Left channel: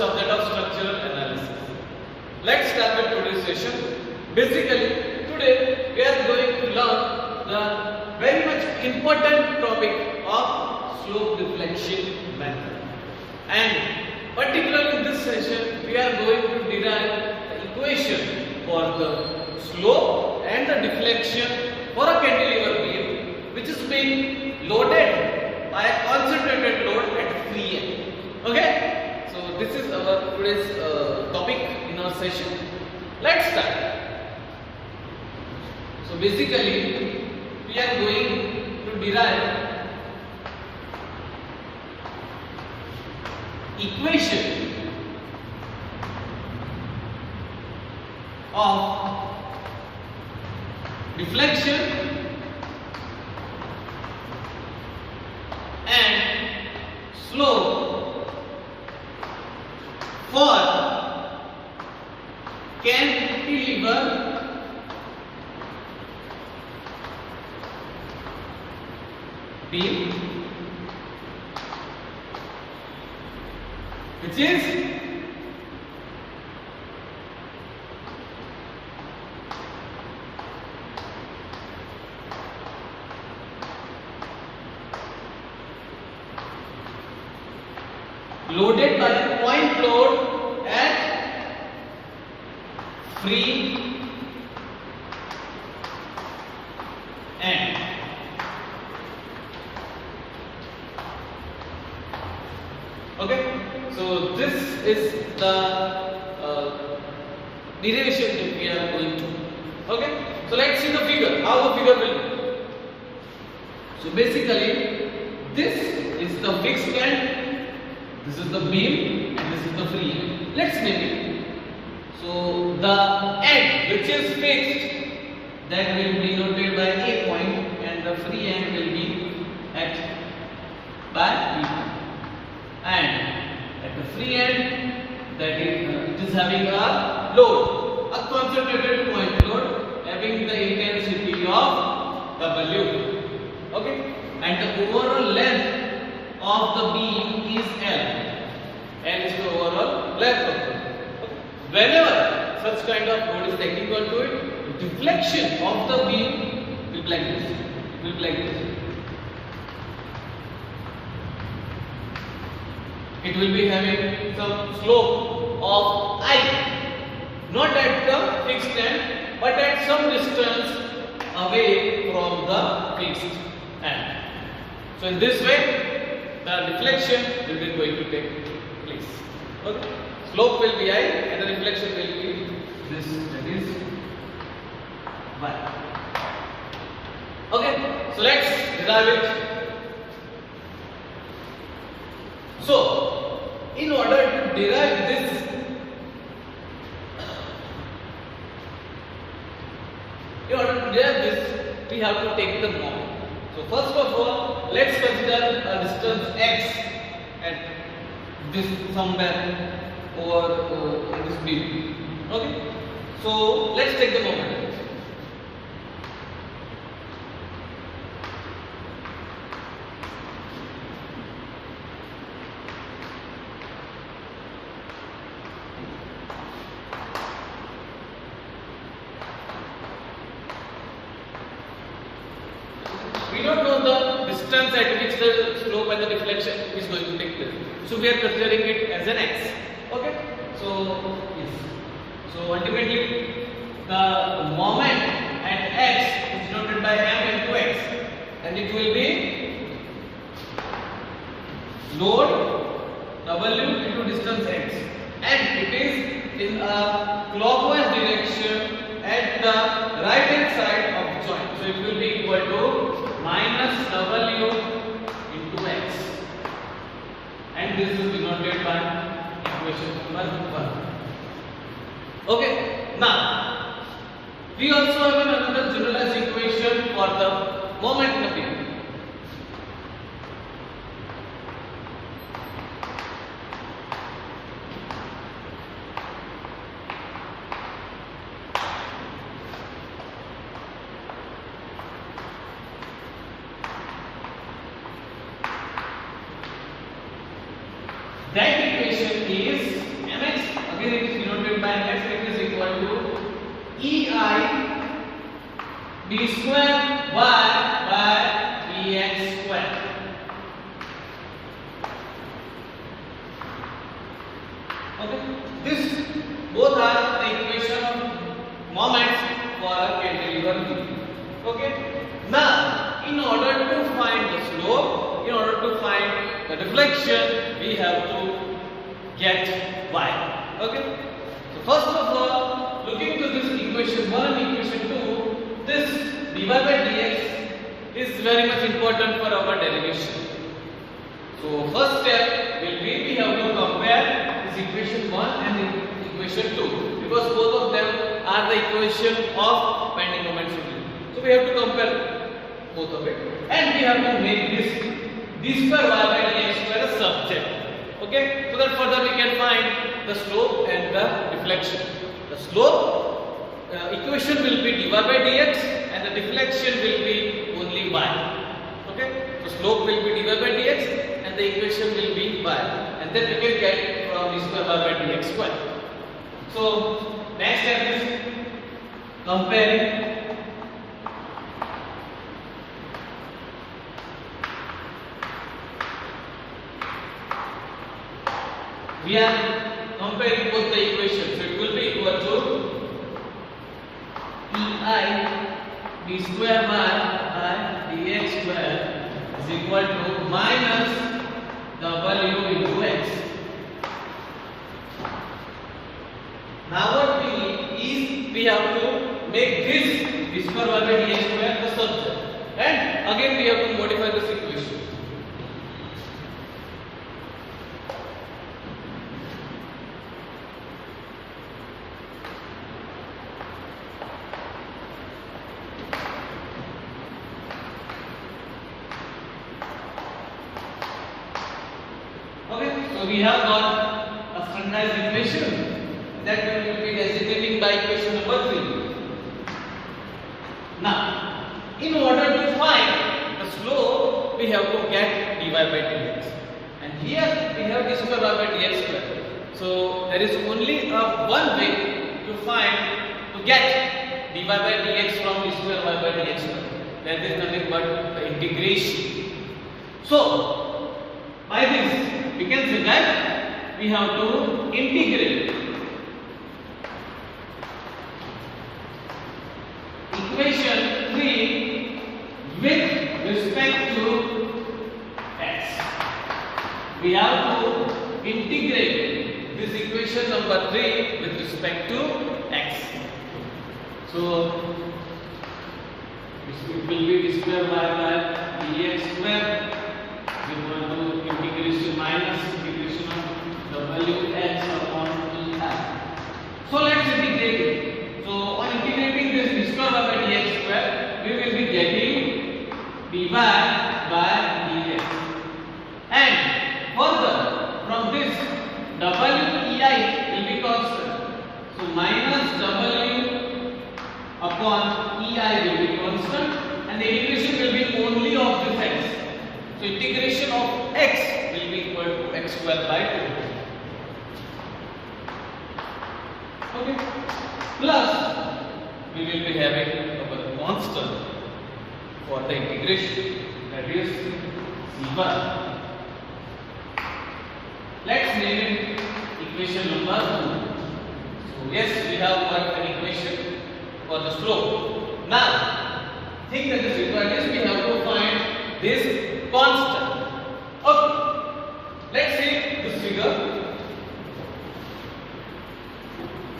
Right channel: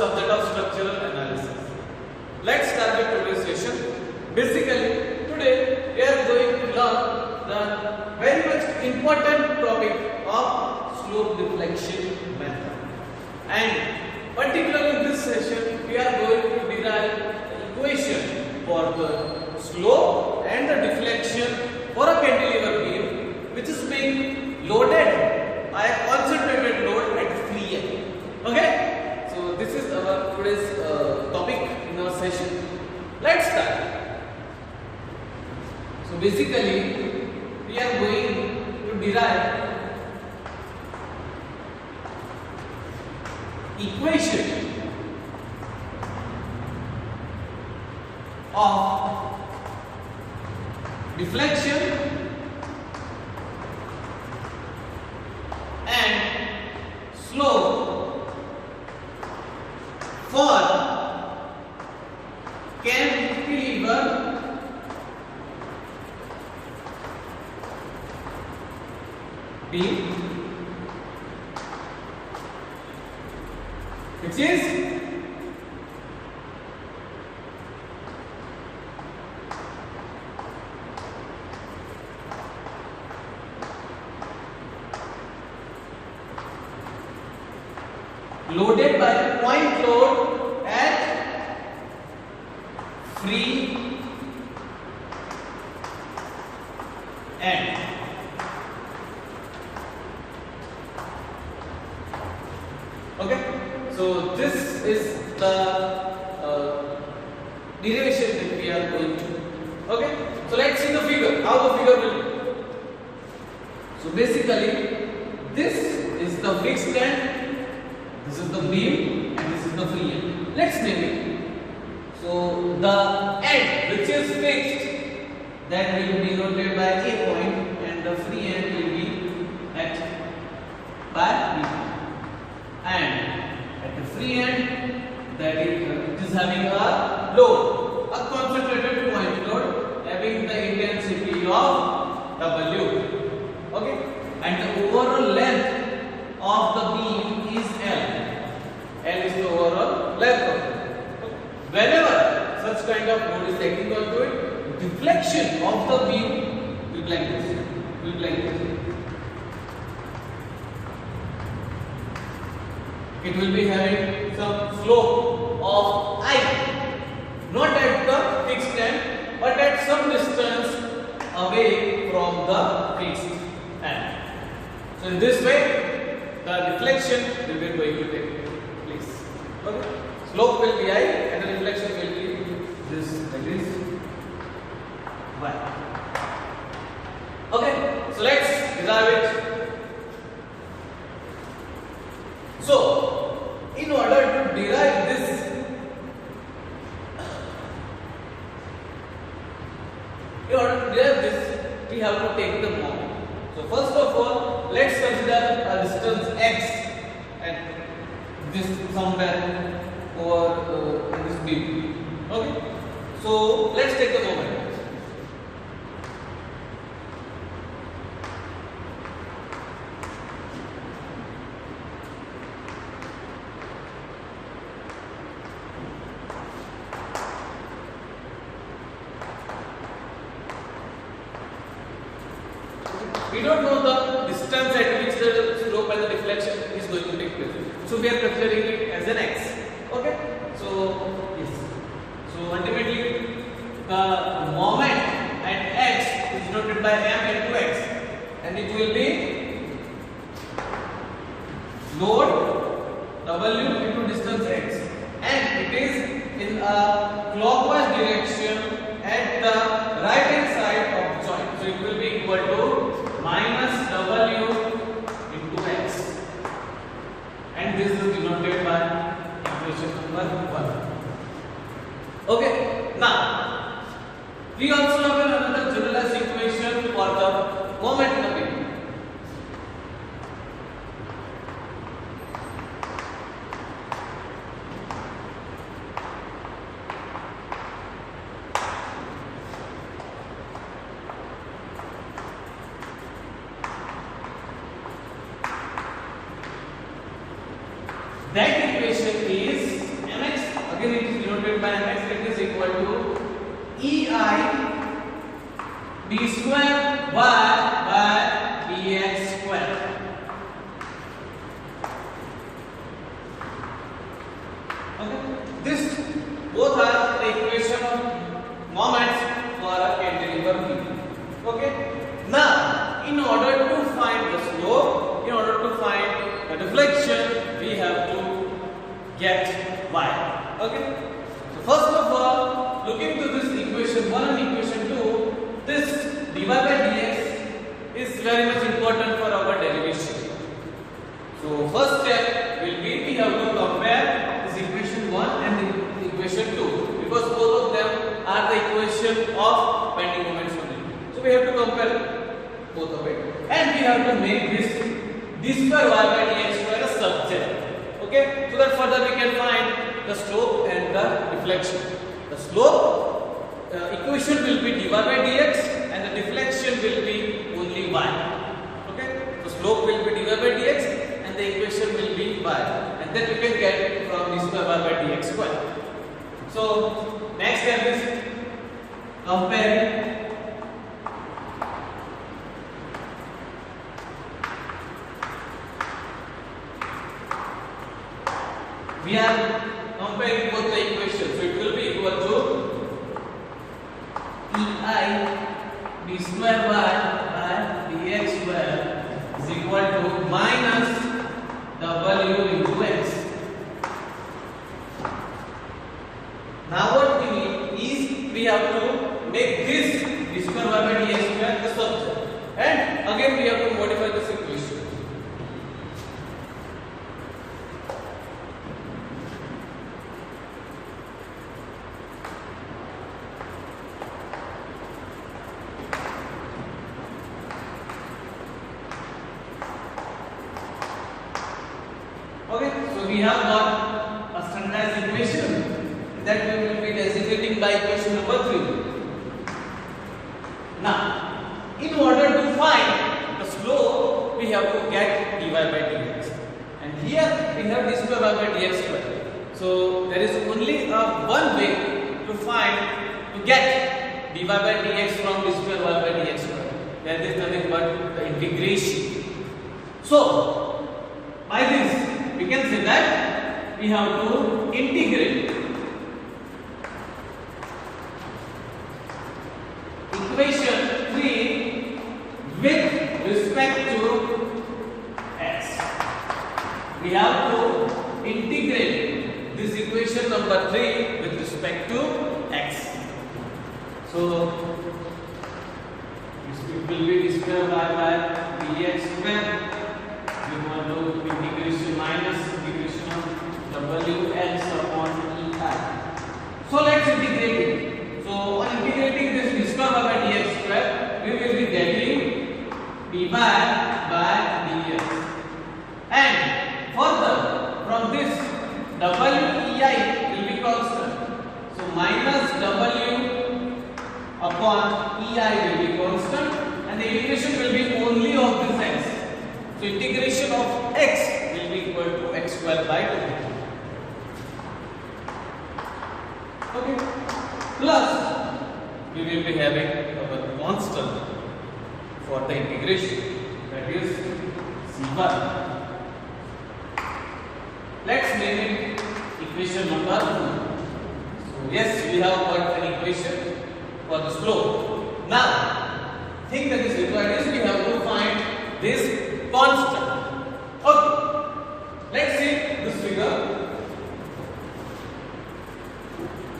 subject of structural analysis. Let's start with today's session. Basically, today we are going to learn the very much important topic of slope deflection method. And particularly in this session, we are going to derive the equation for the slope and the deflection for a cantilever beam which is being loaded by a concentrated load at free end. Okay, so this is our today's topic in our session. Let's start. So basically we are going to derive equation of deflection and slope for cantilever beam, which is loaded by a point load at free end. Okay, so this is the derivation that we are going to. Okay, so let's see the figure, how the figure will be. So basically this is the fixed end, this is the beam, and this is the free end. Let's name it. So the end which is fixed, that will be denoted by A point, and the free end will be at by B point. And at the free end, that is it is having a load, a concentrated point load having the intensity of W. Okay, and the overall length of the beam is L. L is the overall length of the beam. Whenever such kind of load is taken onto it, deflection of the beam will be like this. Will be like this. It will be having some slope of I, not at the fixed end, but at some distance away from the fixed end. So in this way, the deflection will be going to take place. Okay? Slope will be I and the deflection will be this, that is Y. Okay, so let's derive it. So, in order to derive this, we have to take the moment. So first of all, let's consider a distance x at this somewhere over in this beam. Okay, so let's take the moment. We don't know the distance at which the slope and the deflection is going to take place. So we are considering it as an x. Okay. So yes. So ultimately the moment at x is denoted by m into x, and it will be load W into distance x, and it is in a clockwise direction at the right hand side of the joint. So it will be equal to minus W into x, and this is denoted by equation number 1. Okay, now we also have another generalized equation for the moment in the beam. That equation is find x that is equal to EI d square y by dx square. Okay, this both are the equation of moments for a cantilever beam. Okay, now in order to find the slope, in order to find the deflection, we have to get y. Okay, so first of all, looking to this equation 1 and equation 2, this dy by dx is very much important for our derivation. So first step will be we have to compare this equation 1 and equation 2, because both of them are the equation of bending moments only. So we have to compare both of it, and we have to make this d square y by dx square a subset. Okay, so that further we can find the slope and the deflection. The slope equation will be dy by dx and the deflection will be only y. Okay, so slope will be dy by dx and the equation will be y, and then we can get from d square y by dx square. So next step is comparing we are comparing both the equations. So it will be equal to EI d square y by dx square is equal to minus w into x. Now what we need is we have to make this d square y by dx square the subject, and again we have to modify this equation. Okay, so we have got a standardized equation that we will be designating by equation number 3. Now, in order to find the slope, we have to get dy by dx, and here we have d square y by dx square. So there is only one way to get dy by dx from d square y by dx square. That is nothing but the integration. So by this we can say that we have to integrate equation 3 with respect to x. We have to integrate this equation number 3 with respect to x. So it will be d square y by dx square. We want to integration minus integration of wx upon ei. So let's integrate it. So on integrating this d square y by dx square, we will be getting dy by dx, and further from this wei will be constant. So minus w upon ei will be constant, and the integration will be only of this x. So integration of x will be equal to x square by 2. Okay. Plus we will be having our constant for the integration, that is c1. Let's name it equation number 2. So yes, we have got an equation for the slope. Now thing that is required is we have to find this constant. Okay, let's see this figure.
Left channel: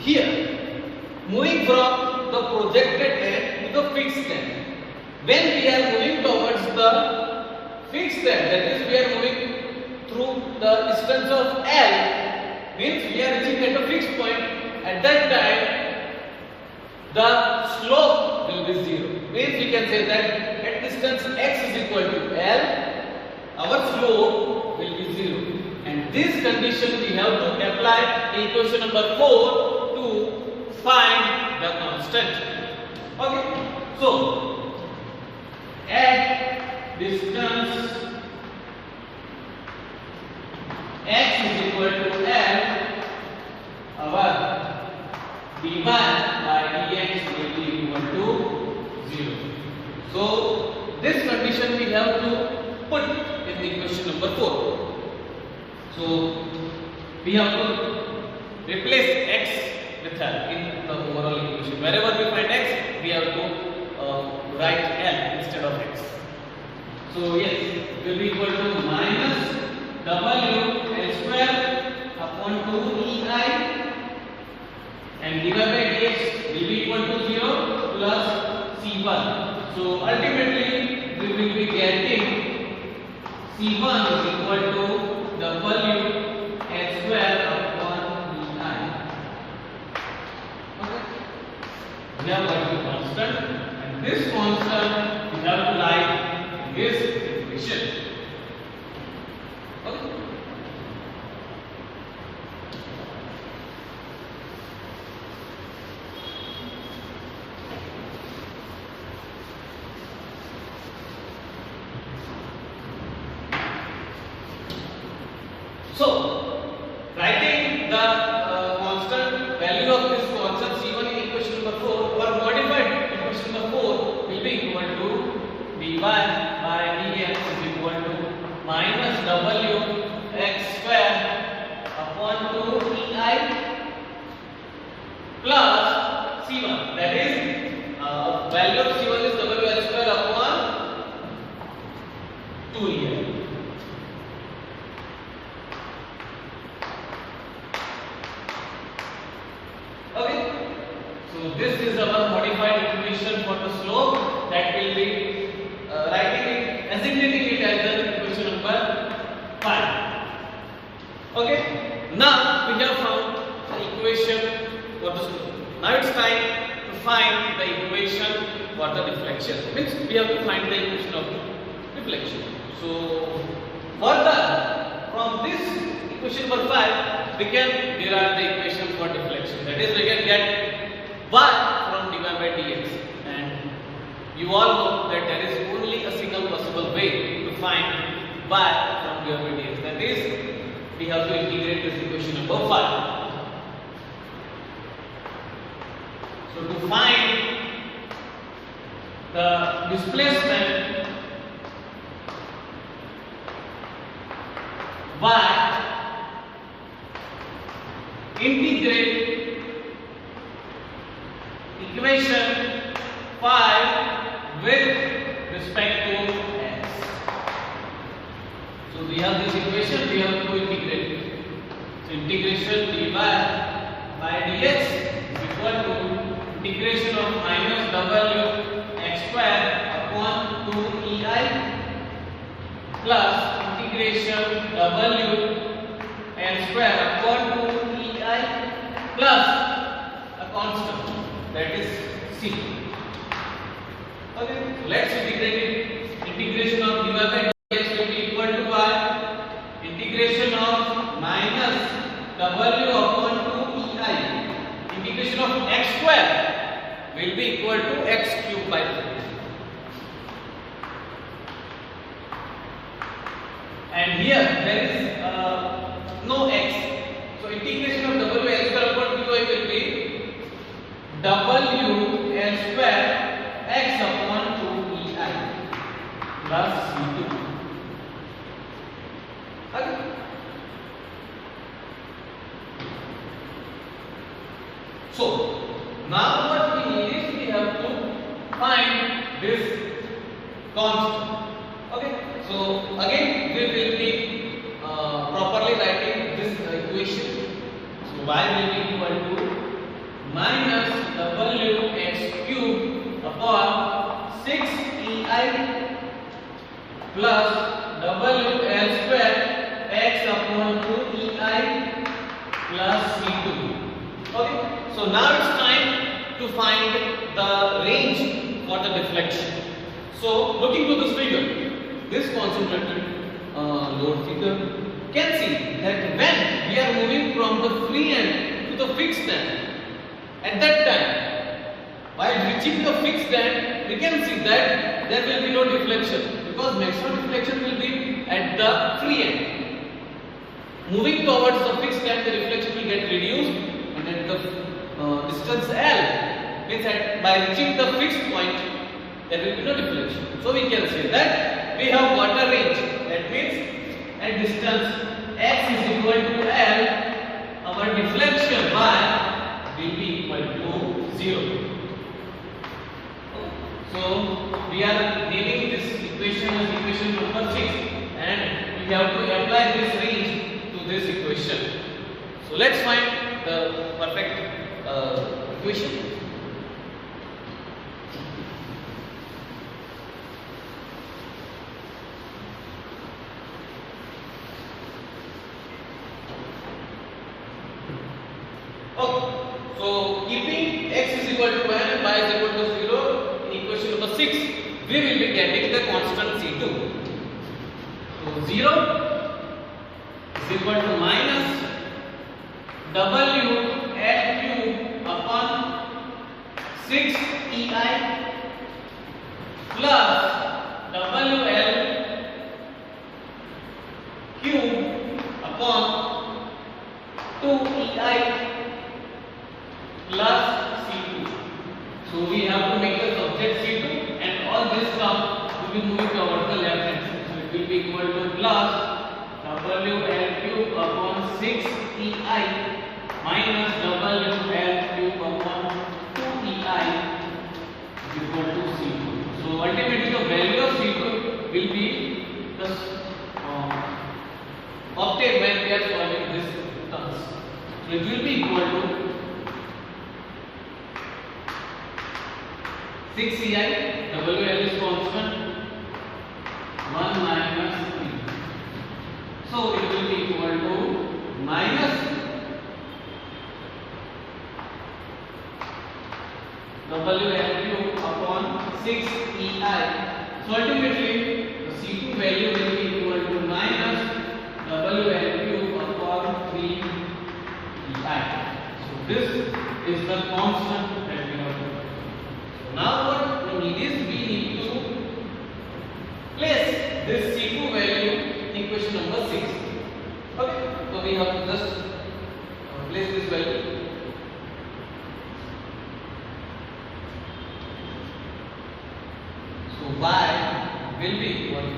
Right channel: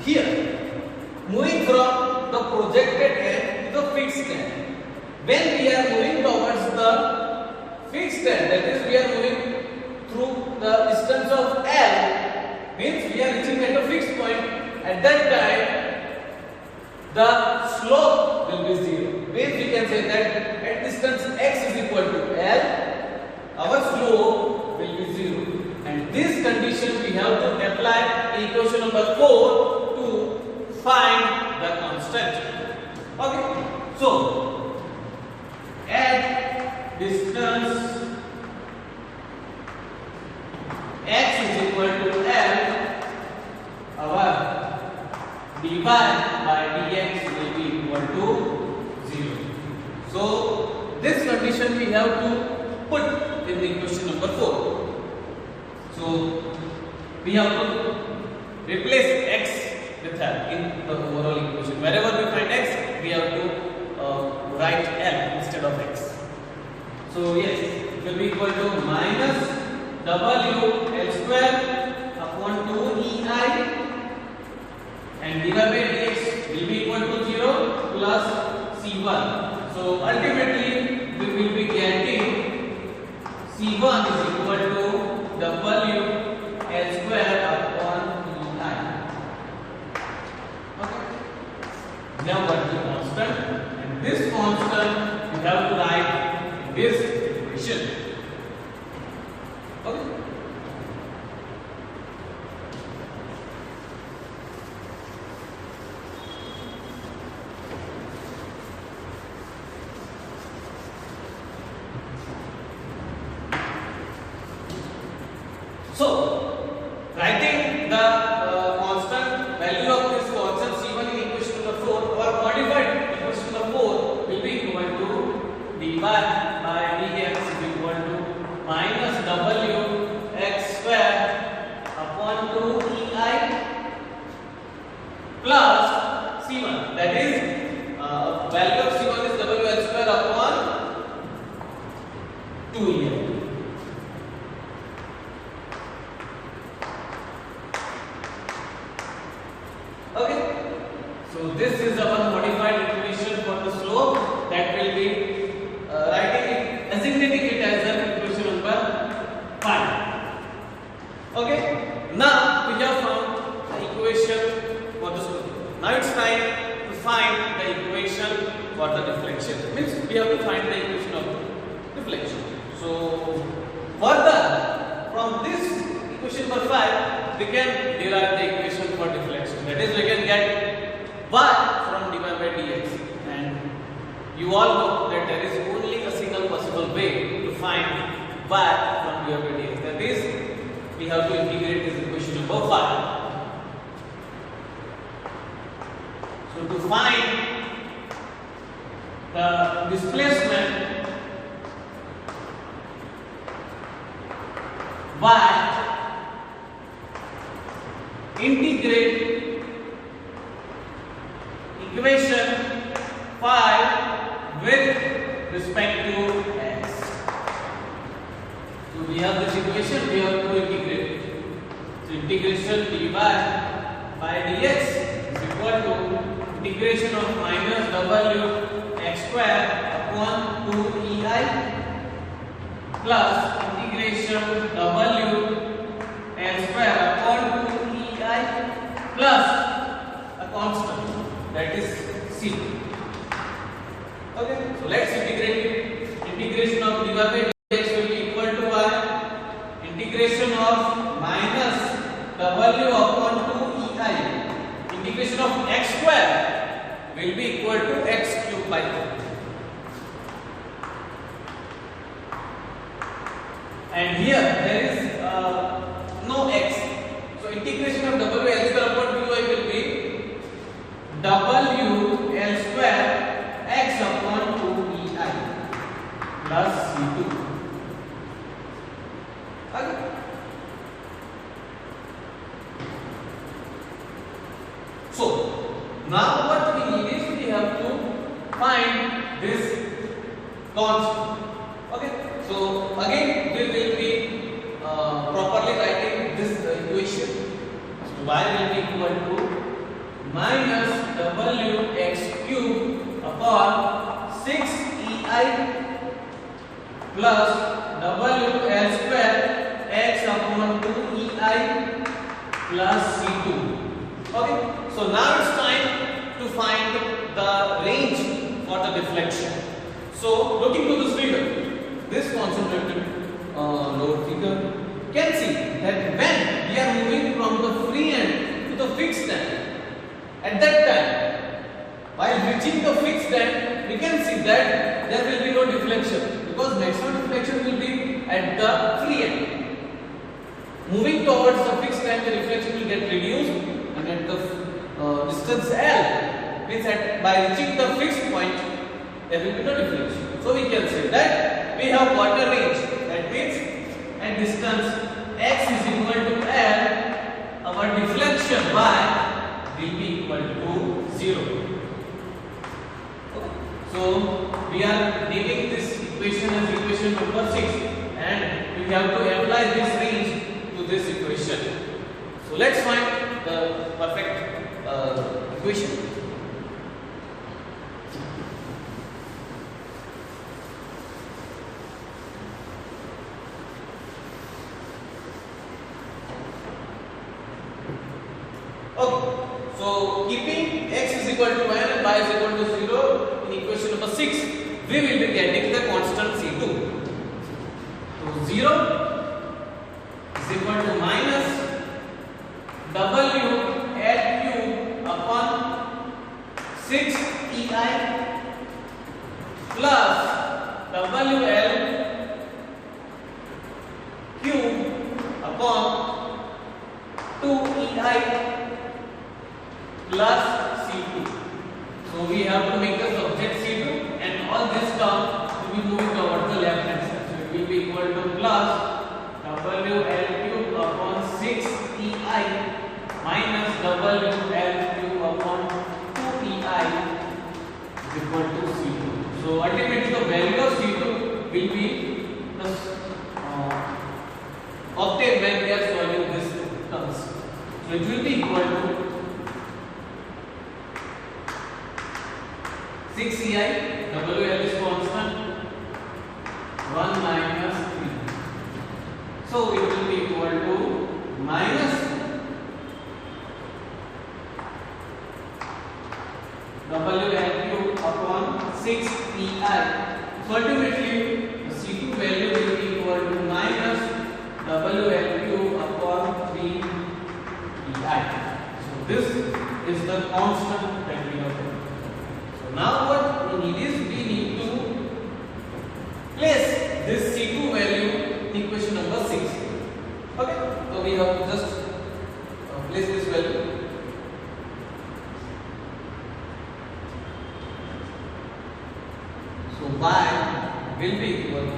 Here, moving from the projected end to the fixed end. When we are moving towards the fixed end, that is we are moving through the distance of L, means we are reaching at a fixed point. At that time, the slope will be 0. Means we can say that at distance x is equal to L, our slope will be 0. And this condition we have to apply in equation number 4 to find the constant. Okay, so at distance x is equal to L, our dy by dx will be equal to 0. So this condition we have to put in the equation number 4. So we have to replace x with L in the overall equation. Wherever we find x, we have to write L instead of x. So yes, it will be equal to minus w L square upon 2ei and dy by dx will be equal to 0 plus c1. So ultimately we will be getting c1 is equal to w L square upon ei. Okay. We have got the constant, and this constant we have to write in this equation. Okay. So, writing the constant value of this constant c1 in equation number 4 or modified equation number 4 will be equal to dy by dx is equal to minus w x square upon 2ei plus c1, that is value of c1 is wl square upon 2ei. Okay, so this is our modified equation for the slope that will be designating it as an equation number 5. Okay, now we have found the equation for the slope. Now it's time to find the equation for the deflection. Means we have to find the equation of deflection. So further from this equation number 5, we can derive the equation for deflection. That is, we can get y from dy by dx, and you all know that there is only a single possible way to find y from dy by dx. That is, we have to integrate this equation number 5. So to find the displacement y, integrate equation 5 with respect to x. So we have this equation, we have to integrate. So integration dy by dx is equal to integration of minus w x square upon 2ei plus integration w L square upon 2ei plus a constant, that is c. Okay, so let's integrate it. Integration of dy by dx will be equal to y integration of minus w upon 2ei integration of x square will be equal to x cube by 3. And here there is no x. So integration of w L square upon 2i will be w L square x upon 2ei plus c2. Okay. So now what we need is we have to find this constant. Okay. So again we will be properly writing this equation. So y will be equal to minus w x cube upon 6ei plus w L square x upon 2ei plus c2. Okay. So now it's time to find the range for the deflection. So looking to this figure, this concentrated load figure, can see that when we are moving from the free end to the fixed end, at that time, while reaching the fixed end, we can see that there will be no deflection because maximum deflection will be at the free end. Moving towards the fixed end, the deflection will get reduced, and at the distance L, means that by reaching the fixed point there will be no deflection. So we can say that we have got a range. That means at distance x is equal to L, our deflection y will be equal to 0. So we are naming this equation as equation number 6, and we have to apply this range to this equation. So let's find the perfect equation. Okay, so keeping x is equal to n and y is equal to 0 in equation number 6, we will be getting the constant C2. So 0 is equal to minus W L cube upon 6EI plus WL cube upon 2EI plus C2. So we have to make the subject C2, and all this term will be moving towards the left hand side. So it will be equal to plus WL cube upon 6EI minus WL cube upon 2EI is equal to C2. So ultimately the value of C2 will be obtained when we are solving this terms. So it will be equal to 6EI, WL is constant, 1 minus E. So it will be equal to minus WL cube upon 6EI. So ultimately the C2 value will be equal to minus WL cube upon 3EI. So this is the constant that we have to. Now what we need is we need to place this C2 value in equation number 6. Okay, so we have to just place this value. So y will be equal to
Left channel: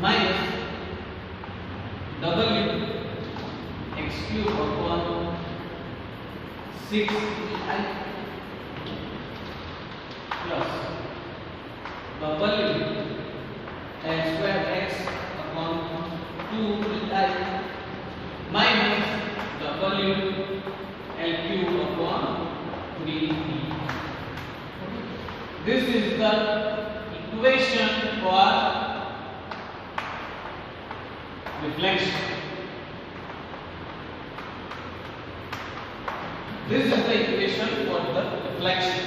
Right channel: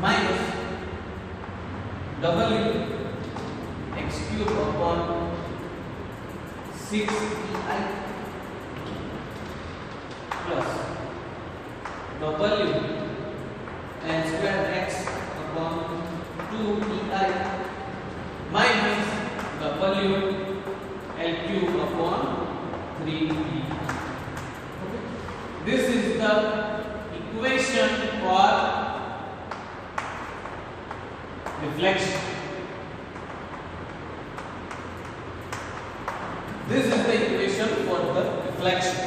minus W x cube upon 6EI plus W n square x upon 2EI minus W L cube upon 3E. This is the equation for deflection. This is the equation for the deflection.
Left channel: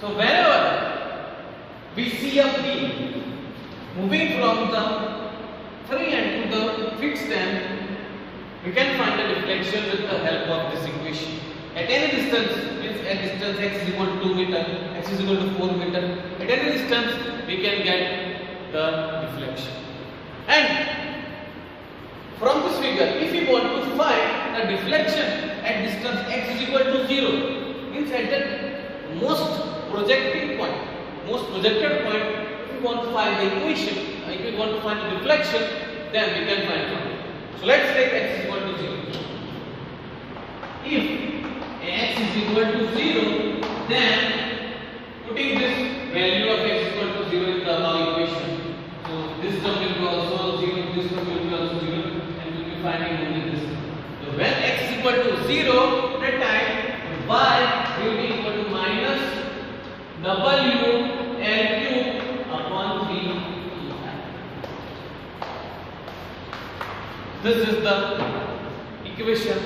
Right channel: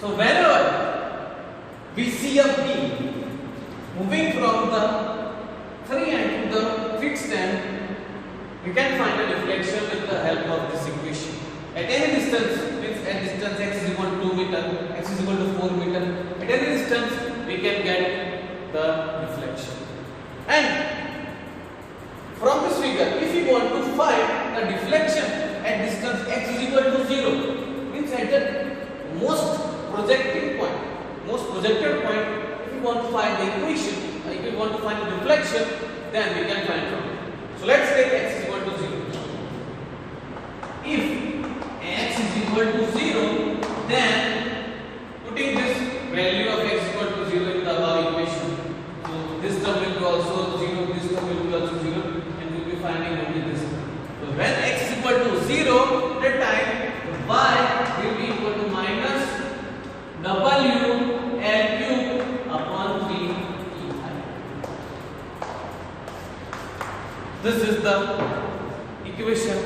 So whenever we see a beam moving from the free end to the fixed end, we can find the deflection with the help of this equation. At any distance, means at distance x is equal to 2 meter, x is equal to 4 meter, at any distance we can get the deflection. And from this figure, if we want to find the deflection at distance x is equal to 0, means at the most projected point, if we want to find the equation, if we want to find the deflection, then we can find from it. So let's take x is equal to 0. If x is equal to 0, then putting this value of x is equal to 0 in the above equation, so this term will be also 0, this term will be also 0, and we will be finding only this term. So when x is equal to 0, that time y will be equal to minus W L cube upon 3EI. This is the equation.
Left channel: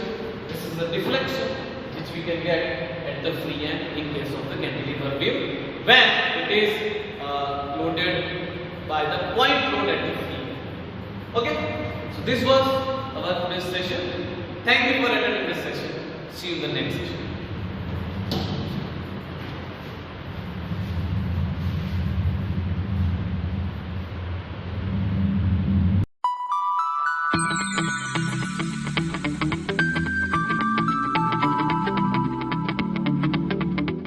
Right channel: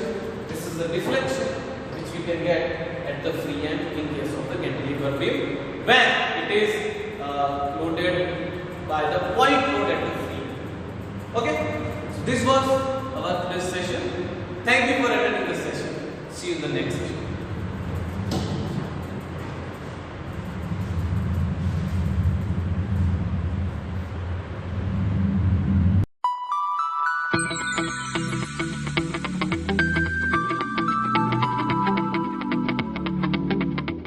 This is the deflection which we can get at the free end in case of the cantilever beam when it is loaded by the point load at the free end. Okay, so this was our today's session. Thank you for attending this session. See you in the next session.